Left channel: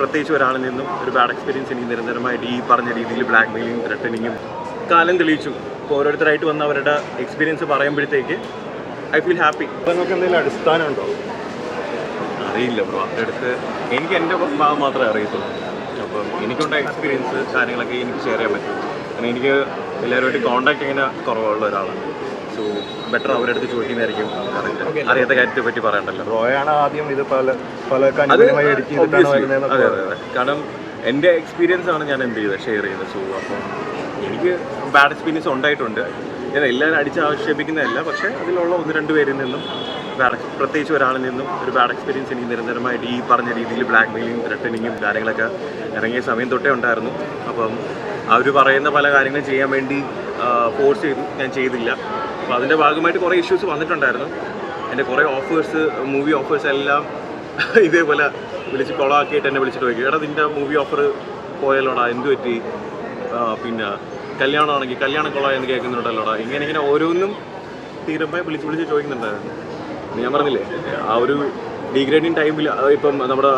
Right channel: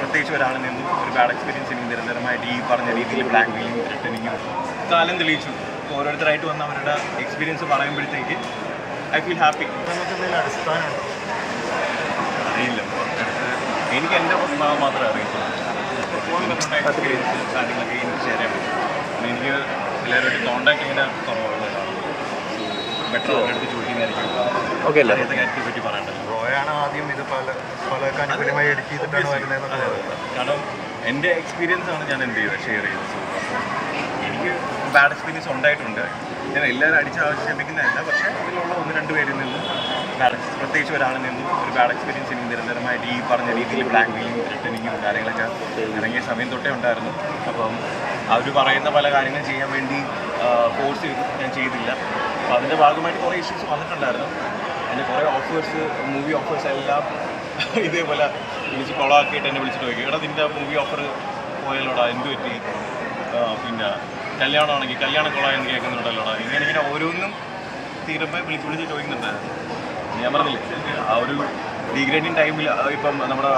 പ്രത്യേകിച്ച് ഒരാളിൽ നിന്നും ഒരു ബാഡ് എക്സ്പീരിയൻസ് എനിക്ക് നിരന്തരമായിട്ട് ഈ പറഞ്ഞ രീതിയിൽ ബ്ലാക്ക് മെയിലിംഗ് ത്രെട്ടനിങ്ങും കാലം തെളിയിച്ചു. ഇപ്പോൾ ഓരോരുത്തരായിട്ട് വന്ന അവരുടെ എക്സ്പീരിയൻസ് പറയുമ്പോഴത്തേക്ക് ഐ ഫീൽ ഹാപ്പി നമുക്ക് എന്തെങ്കിലും അടിസ്ഥാനമുണ്ടോ അറിയില്ല. അടുത്ത് എനിക്ക് എന്റെ ഭാഗം മാത്രമേ അറിയത്തുള്ളൂ. അപ്പോൾ എനിക്കുണ്ടായ എക്സ്പീരിയൻസ് കാര്യങ്ങളൊക്കെ എനിക്ക് ഷെയർ ചെയ്യാൻ പറ്റും. അപ്പം എനിക്ക് എല്ലാവരുമായിട്ട് കോൺടാക്ട് ഇങ്ങനെ കുറവുള്ള ഒരാളാണ്. സോ ബെറ്റർ അവരുടെ അടുത്ത് ചോദിക്കുന്നതായിരിക്കും. അറിയാത്ത കാര്യത്തെ പറ്റി പറയണ്ടല്ലോ. അത് obviously. അതെ അതെ അതെ. കാരണം എന്റെ എക്സ്പീരിയൻസ് ആണ് ഞാൻ എന്ത് ചെയ്തത്? ഷെയർ ചെയ്തത് സോ അപ്പോൾ എനിക്ക് ബാഡ് എക്സ്പീരിയൻസ് ഉണ്ടായിട്ടുണ്ട്. ഞാൻ എല്ലാവരും അടിച്ച് ആക്ഷേപിക്കുന്നതല്ല പക്ഷേ അതിലുള്ള ഒന്ന് രണ്ട് പേരിൽ നിന്നും ബാഡ് പ്രത്യേകിച്ച് ഒരാളിൽ നിന്നും ഒരു ബാഡ് എക്സ്പീരിയൻസ് എനിക്ക് നിരന്തരമായിട്ട് ഈ പറഞ്ഞ രീതിയിൽ ബ്ലാക്ക് മെയിലിംഗ് റിട്ടേണിങ്ങും കാര്യങ്ങളൊക്കെ ഇറങ്ങിയ സമയം തൊട്ടേ ഉണ്ടായിരുന്നു. അപ്പം അവർ പറയുന്ന പല കാര്യങ്ങളും ചെയ്യാൻ വേണ്ടി ഫോഴ്സ് ചെയ്തു. ഞാൻ ചെയ്തില്ല. അപ്പോൾ അതിന്റെ ഭാഗമായിട്ട് കുറേ ഇഷ്യൂസ് വന്നിട്ടുണ്ടായിരുന്നു. എന്റെ കുറേ ഓഫേഴ്സ് മൂവി ഓഫേഴ്സ് എല്ലാം ഇതേപോലെ വിളിച്ച് കൊളാക്കിയിട്ട് എന്നെ വിളിച്ചിട്ട് വയ്ക്കും. എടാ നിന്റെ മൂവി ഓഫർ പോയല്ലോടാ എന്ത് പറ്റി? പിന്നെ കല്യാണമാണെങ്കിൽ കല്യാണം കൊള്ളായെന്ന് കേൾക്കുന്നുണ്ടല്ലോടാ. ഇങ്ങനെ ഇങ്ങനെ ഓരോന്നും തീരുമ്പോൾ വിളിച്ച് വിളിച്ച് ചോദിക്കുന്നുണ്ടായിരുന്നു. ഞാൻ പറഞ്ഞില്ലേ ആ ഒരു ഡിഗ്രേഡിങ് ടൈമിൽ ഇപ്പം നമ്മുടെ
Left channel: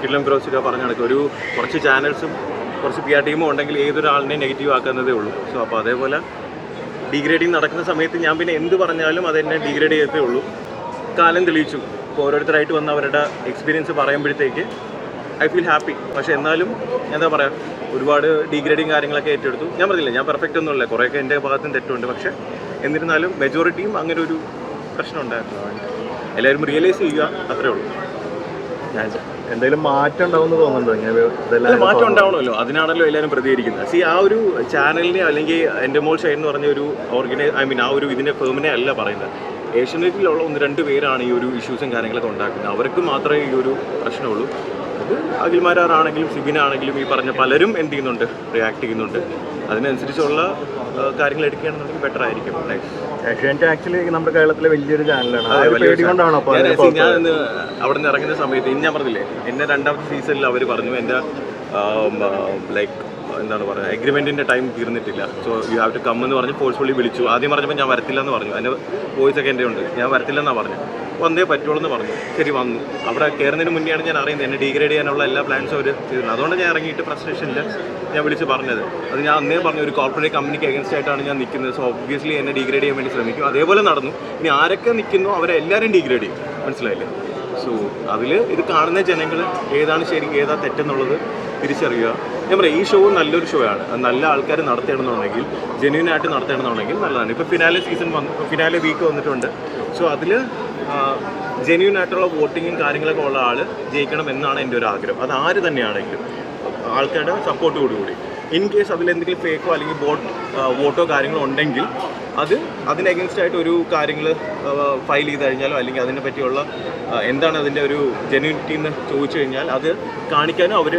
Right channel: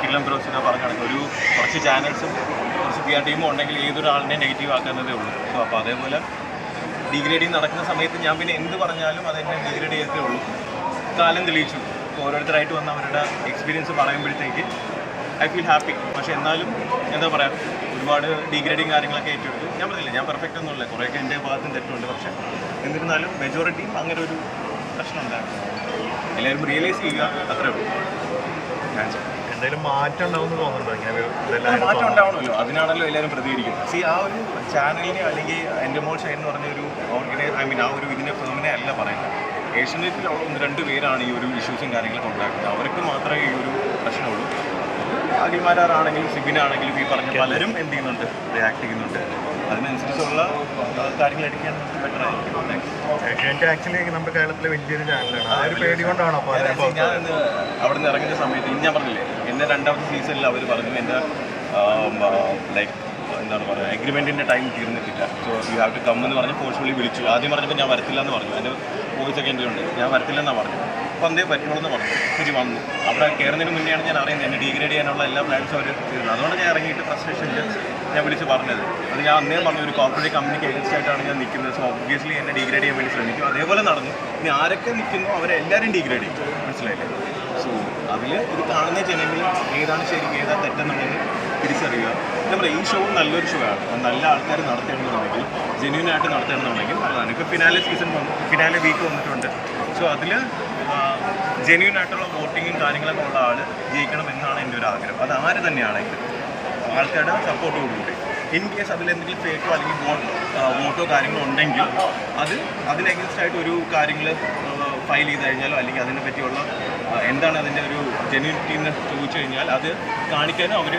കിഡ്ലം ക്രോസൊക്കെ പറഞ്ഞ കണക്ക് ഒരു കുറച്ച് ചാനൽസും കുറച്ച് പി ആർ ടീമും ഉണ്ടെങ്കിൽ ഏതൊരാളിനെയും നെഗറ്റീവ് ആക്കുന്നതേ ഉള്ളൂ. സോ അപ്പോൾ അതേപോലെ ഡിഗ്രേഡിങ് നടക്കുന്ന സമയത്ത് ഞാൻ പിന്നെ എന്ത് പറഞ്ഞാലും അതെന്നെ ഡിഗ്രേഡ് ചെയ്യത്തേ ഉള്ളൂ. കാലം തെളിയിച്ചു. ഇപ്പോൾ ഓരോരുത്തരായിട്ട് വന്ന് അവരുടെ എക്സ്പീരിയൻസ് പറയുമ്പോഴത്തേക്ക് ഐ ഫീൽ ഹാപ്പി പക്ഷേ എന്നാലും എന്താ പറയുക ഒരുപാട് ഡിഗ്രേഡിങ് കാര്യങ്ങളൊക്കെ ഏറ്റെടുത്തു. ഞാൻ പറഞ്ഞില്ല ഞാൻ പെർഫെക്റ്റ് ഒന്നുമില്ല. കുറേയൊക്കെ എന്റെ ഭാഗത്തും തെറ്റുണ്ട്. പക്ഷേ എന്നിരുന്നാലും മെജോറിറ്റിയും അങ്ങനെ ഒരു പ്രശ്നം ഉണ്ടായിരുന്നു എല്ലാവരും റിയലൈസ് ചെയ്യുക അത്രേ ഉള്ളൂ. ഞാൻ. എന്തെങ്കിലും മാറ്റം ഉണ്ടാവും തോന്നുന്നുണ്ടോ? മാറ്റം ഉണ്ടാവണമല്ലോ. അതിനാണല്ലോ എല്ലാവരും പ്രതികരിക്കുന്നത്. സി ആ ഒരു ചാനലിനെ അല്ലെങ്കിൽ എന്റെ മോൾ ഷൈൻ എന്ന് പറഞ്ഞ ഒരു ഓർഗനൈസ് ഐ മീൻ ആ ഒരു ഇതിന്റെ ഫേമിനെ അല്ല പറയുന്നത്. ഏഷ്യനെറ്റിലുള്ള ഒന്ന് രണ്ട് പേരാണ് ഈ ഒരു ഇഷ്യൂസും കാര്യങ്ങളൊക്കെ ഉണ്ടാക്കുന്നത്. അവർക്ക് മാത്രമേ ഈ ഒരു പ്രശ്നമുള്ളൂ. അത് അഖിൽമാരാണെങ്കിലും സിബിനാണെങ്കിലും ഈ പറഞ്ഞ പലരും എന്ത് ചെയ്യുന്നുണ്ട്? റിയാക്ട് ചെയ്യുന്നുണ്ട്. അതിനനുസരിച്ചുള്ള കാര്യങ്ങൾ എടുക്കുകയാണെന്നുണ്ടെങ്കിൽ ബെറ്റർ ആയിരിക്കും. ആക്ച്വലി നമ്മുടെ കേരളത്തിലെ വലിയൊരു ചാനലാണ് ഞാൻ അവിടെ നിന്ന് ഇറങ്ങുന്ന സമയത്ത് ഇനി ഞാൻ പറഞ്ഞില്ലേ എന്നെ രണ്ടാമത്തെ സീസണിൽ അവർ പറഞ്ഞു എന്റെ ലൈക്ക് എന്താണ് പറയുക എഗ്രിമെന്റിന്റെ ടൈം തീർന്നിട്ടില്ല. So you have to come എന്ന് പറഞ്ഞ് ഫോഴ്സ്ഫുള്ളി വിളിച്ചു. ആദ്യം പറഞ്ഞപ്പോൾ ഞാൻ വരത്തില്ല എന്ന് പറഞ്ഞു. അതിന്റെ വോയിസ് ഒക്കെ എന്റെ ഉണ്ട്. ഞാൻ വരത്തില്ലെന്നാണ് പറഞ്ഞു വന്നേ പറ്റുള്ളൂ എന്ന് പറഞ്ഞു. ശരി വന്നു. അവിടെ കയറുന്നതിന് മുന്നെയാണ് ഞാൻ അറിയുന്നത്. എന്നെ ഡീഗ്രേഡ് ചെയ്യാനുള്ള എല്ലാ പ്ലാൻസും അവർ ചെയ്തിരുന്നത് അതുകൊണ്ട് ഞാൻ ഇറങ്ങിയിട്ട് ഫ്രസ്ട്രേഷനിൽ ഞാൻ വിളിച്ച് പറഞ്ഞത്. അത് ഞാൻ അന്നേ പറഞ്ഞു ഒരു കോർപ്പറേറ്റ് കമ്പനിക്ക് അഗൻസ്റ്റ് ആയിട്ടാണ് ഞാൻ നിൽക്കുന്നത്. സോ ഒബ്വിയസ്ലി എന്നെ ഡീഗ്രേഡ് ചെയ്യാൻ വേണ്ടി ശ്രമിക്കും. അതേപോലെ നടന്നു. ഇനി ആരൊക്കെ നിൽക്കുന്നോ അവരെല്ലാവരും ഡിഗ്രേഡ് ഡീഗ്രേഡ് ചെയ്യും. മനസ്സിലായില്ലേ? സോ അതിൽ ഇത് കാണുന്ന ജനങ്ങൾ ഏതാണ് ശരി ഏതാ തെറ്റെന്നുള്ളത് തിരിച്ചറിയുക. ഞാൻ പറയാം ഈ ഷോ നല്ലൊരു ഷോ ആണ്. നല്ല ആൾക്കാർ നടത്തണമെന്നുണ്ടെങ്കിൽ ജെന്യൂൻ ആയിട്ട് നടത്തണമെന്നുണ്ടെങ്കിൽ നല്ലതാണ്. ഇപ്പോൾ ഫിനാലെ സീസൺ വന്നു ഫിനാലെ വീക്ക് വന്നിട്ടുണ്ട്. സോ അതിൽ ജെന്യൂൻ ആയിട്ടുള്ള വോട്ടിങ്ങും കാര്യങ്ങളൊക്കെ ഉള്ള ആൾ ജയിക്കണം എന്നാണ് എന്റെ ഒരു ആഗ്രഹം. അത് ആര് തന്നെയാണെങ്കിലും ആൾക്കാരുടെ സപ്പോർട്ടോടുകൂടി ഇൻ കേസ് അതിലെന്തെങ്കിലും ഫേക്കോ അല്ലെങ്കിൽ വോട്ട് വോട്ടോ കാര്യങ്ങളോ ഉണ്ടെങ്കിൽ അത് അതിന് അഗൻസ്റ്റ് ഒരു കാര്യങ്ങൾ ഫയൽ ചെയ്ത് കഴിഞ്ഞാലോ അല്ലെങ്കിൽ അതിനെ പറ്റിയുള്ള എന്താണ് അതിന്റെ ഒരു ജെന്യൂനിറ്റി എന്ന് ചോദിച്ചു കഴിഞ്ഞാൽ അത് കാണിക്കാനും അവർ